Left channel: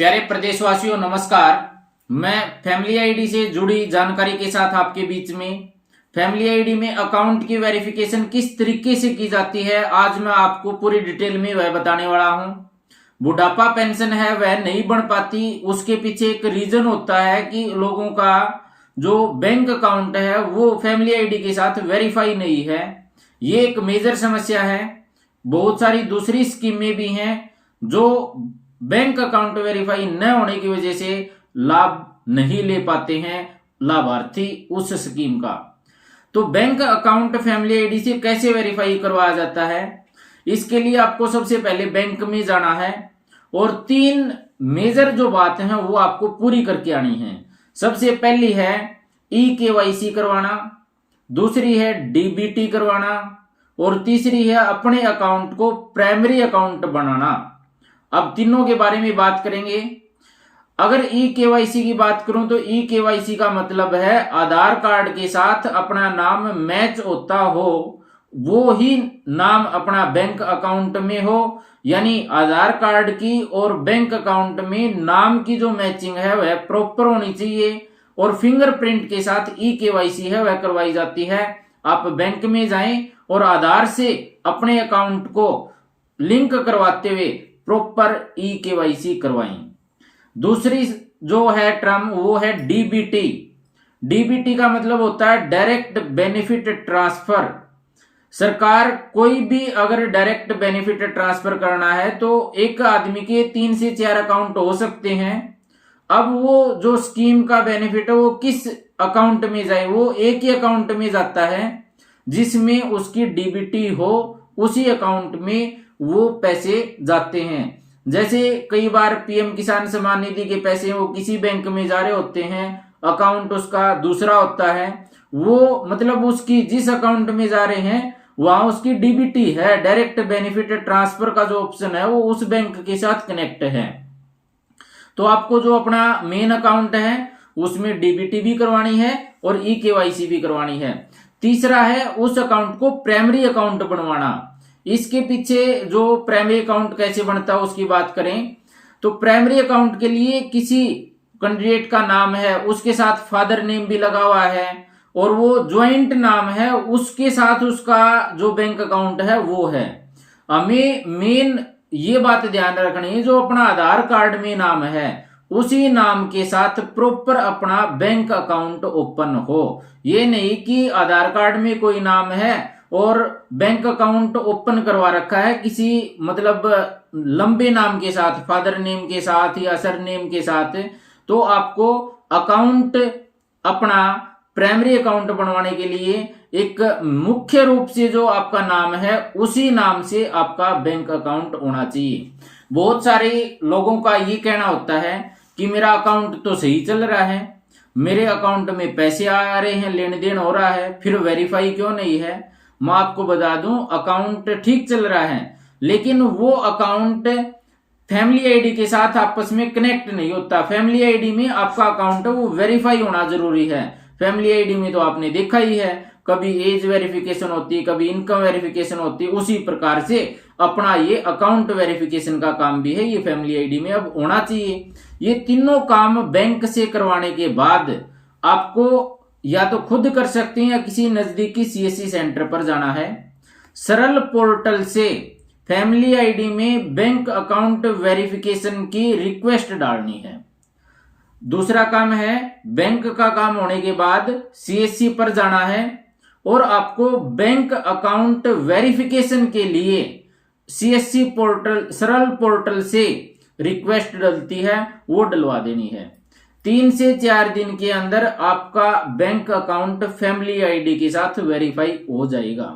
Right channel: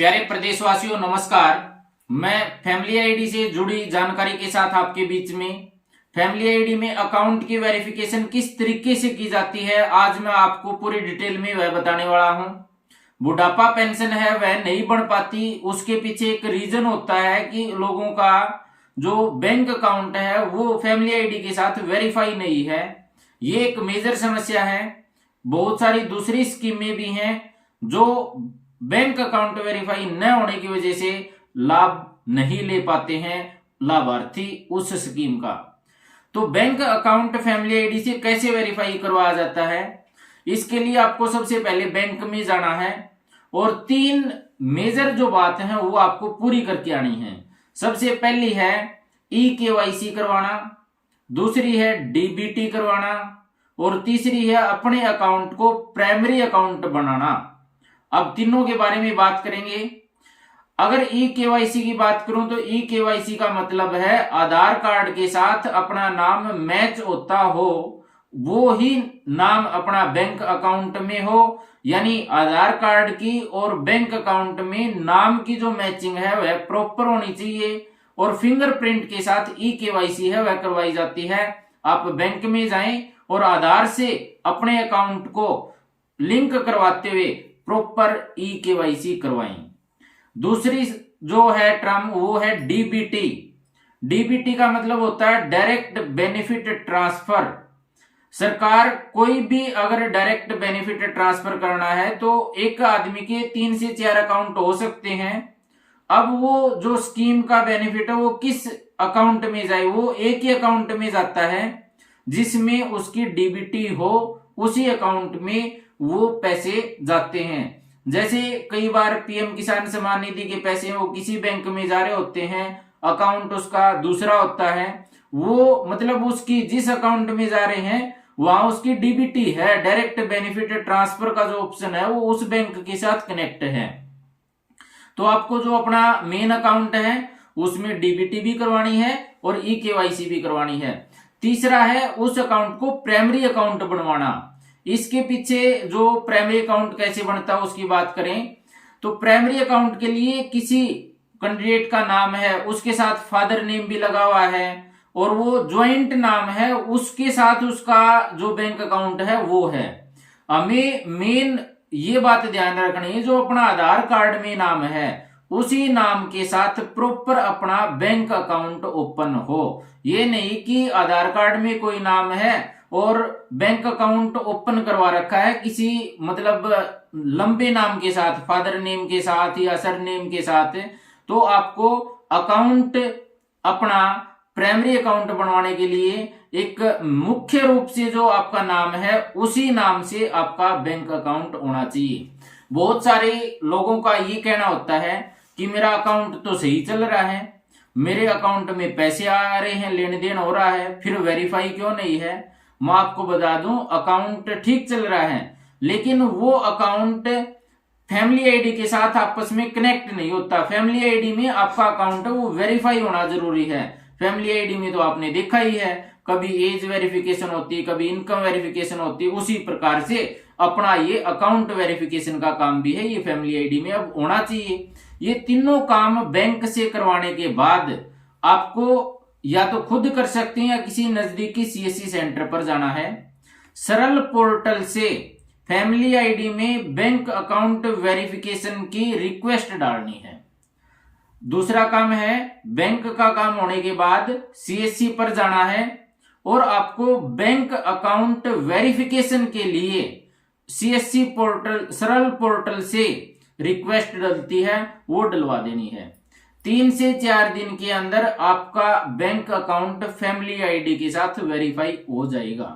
प्यारे प्रदेशवासियों नमस्कार। मैं फैमिली आईडी से जुड़ी जानकारी के साथ आपके बीच में फैमिली आईडी में अकाउंट की वेरिफिकेशन किस तरीके से की जाती है आज मैं आपको पूरी डिटेल में वह बताने वाला हूं। बुढ़ापा पेंशन है वह नहीं बन पाती, उसके पीछे एक रीजन होता है कि लोगों का जो बैंक अकाउंट है वो फैमिली आईडी के साथ वेरीफाई नहीं है। ये एक मेजर समस्या है। बहुत सारी दूसरी स्कीमें भी हैं जो बैंक अकाउंट वेरीफाई न होने की वजह से लाभ नहीं ले पाते हैं लाभार्थी उस स्कीम का। तो बैंक अकाउंट फैमिली आईडी से कैसे वेरीफाई करवाया जाता है, इसके लिए आपको सबसे पहले बैंक में जाना है और 3 मेजर जो बात है वो आपको पूरी करके आनी है। सबसे पहली है EKYC करवाना, दूसरी है DBT करवाना और तीसरी है अपने अकाउंट को प्राइमरी अकाउंट बनाना। अब तीनों के बारे में बात करेंगे। अगर EKYC की बात करूं तो EKYC का मतलब है आधार कार्ड के साथ अपना नाम मैच होता हो, वो ही नाम अपना बैंक अकाउंट में हो, यानी आधार कार्ड की और बैंक अकाउंट में नाम की जो मैचिंग है वह प्रॉपर होनी चाहिए और फिंगरप्रिंट के साथ EKYC है वह करवाई जाती है। आप बैंक में जाएं और आधार से अपने अकाउंट को लिंक करवाते हुए प्रॉपर EKYC करवाएं। दूसरी जो है टर्म वो है DBT। DBT का मतलब होता है डायरेक्ट बेनिफिट ट्रांसफर। सरकार कोई भी अगर डायरेक्ट बेनिफिट ट्रांसफर करना है तो एक आदमी के 3 से 4 अकाउंट हो सकते हैं। अब वो जो स्कीम का बेनिफिट है वो किस अकाउंट में जाए, वो एक ही अकाउंट में जाता है जिसमें उसकी DBT हो, उसी अकाउंट में वो पैसे जाते हैं। जैसे कई बार PM किसान सम्मान निधि के पैसे वो किसी बैंक में जा रहे होते हैं, अकाउंट उसका दूसरा होता है, वो मतलब उसकी जिस अकाउंट में जा रहे हैं वहां उसकी DBT है, डायरेक्ट बेनिफिट ट्रांसफर का जो ऑप्शन है वो उस बैंक के साथ कनेक्ट है। तो आपको जो अपना मेन अकाउंट है उसमें DBT भी करवानी है और EKYC भी करवानी है। तीसरा है उस अकाउंट को प्राइमरी अकाउंट बनवाना। इसके पीछे जो प्राइमरी अकाउंट कैसे बनता है उसकी बात करें तो प्राइमरी अकाउंट के लिए किसी कैंडिडेट का नाम है, उसके साथ फादर नेम भी लगा हुआ है और वो ज्वाइंट नाम है, उसके साथ उसका जो बैंक अकाउंट है वो है। हमें मेन ये बात ध्यान रखनी है जो अपना आधार कार्ड में नाम है उसी नाम के साथ प्रॉपर अपना बैंक अकाउंट ओपन हो। ये नहीं कि आधार कार्ड में कोई नाम है और बैंक अकाउंट ओपन करवा रखा है किसी मतलब लंबे नाम के साथ, फादर नेम के साथ या सर नेम के साथ, तो आपको अकाउंट अपना प्राइमरी अकाउंट बनवाने के लिए एक मुख्य रूप से जो आपका नाम है उसी नाम से आपका बैंक अकाउंट होना चाहिए। बहुत सारे लोगों का ये कहना होता है कि मेरा अकाउंट तो सही चल रहा है, मेरे अकाउंट में पैसे आ रहे हैं, लेन देन हो रहा है, फिर वेरीफाई क्यों नहीं है। मैं आपको बता दूं अकाउंट ठीक चल रहा है लेकिन वो अकाउंट फैमिली आईडी के साथ आपस में कनेक्ट नहीं होता। फैमिली आईडी में आपका अकाउंट है वो वेरीफाई होना जरूरी है। फैमिली आईडी में तो आपने देखा ही है, कभी एज वेरिफिकेशन होती है, कभी इनकम वेरिफिकेशन होती है, उसी प्रकार से अपना ये अकाउंट वेरिफिकेशन का काम भी है, ये फैमिली आईडी में अब होना चाहिए। ये तीनों काम बैंक से करवाने के बाद आपको या तो खुद कर सकते हैं या किसी नजदीकी CSC सेंटर पर जाना है। सरल पोर्टल से फैमिली आईडी में बैंक अकाउंट वेरिफिकेशन की रिक्वेस्ट डालनी है। दूसरा काम है बैंक का काम होने के बाद CSC पर जाना है और आपको बैंक अकाउंट वेरिफिकेशन के लिए CSC पोर्टल सरल पोर्टल से रिक्वेस्ट डलती है वो डलवा देनी है। 3 से 4 दिन के अंदर आपका बैंक अकाउंट फैमिली आईडी के साथ वेरीफाई हो जाएगा।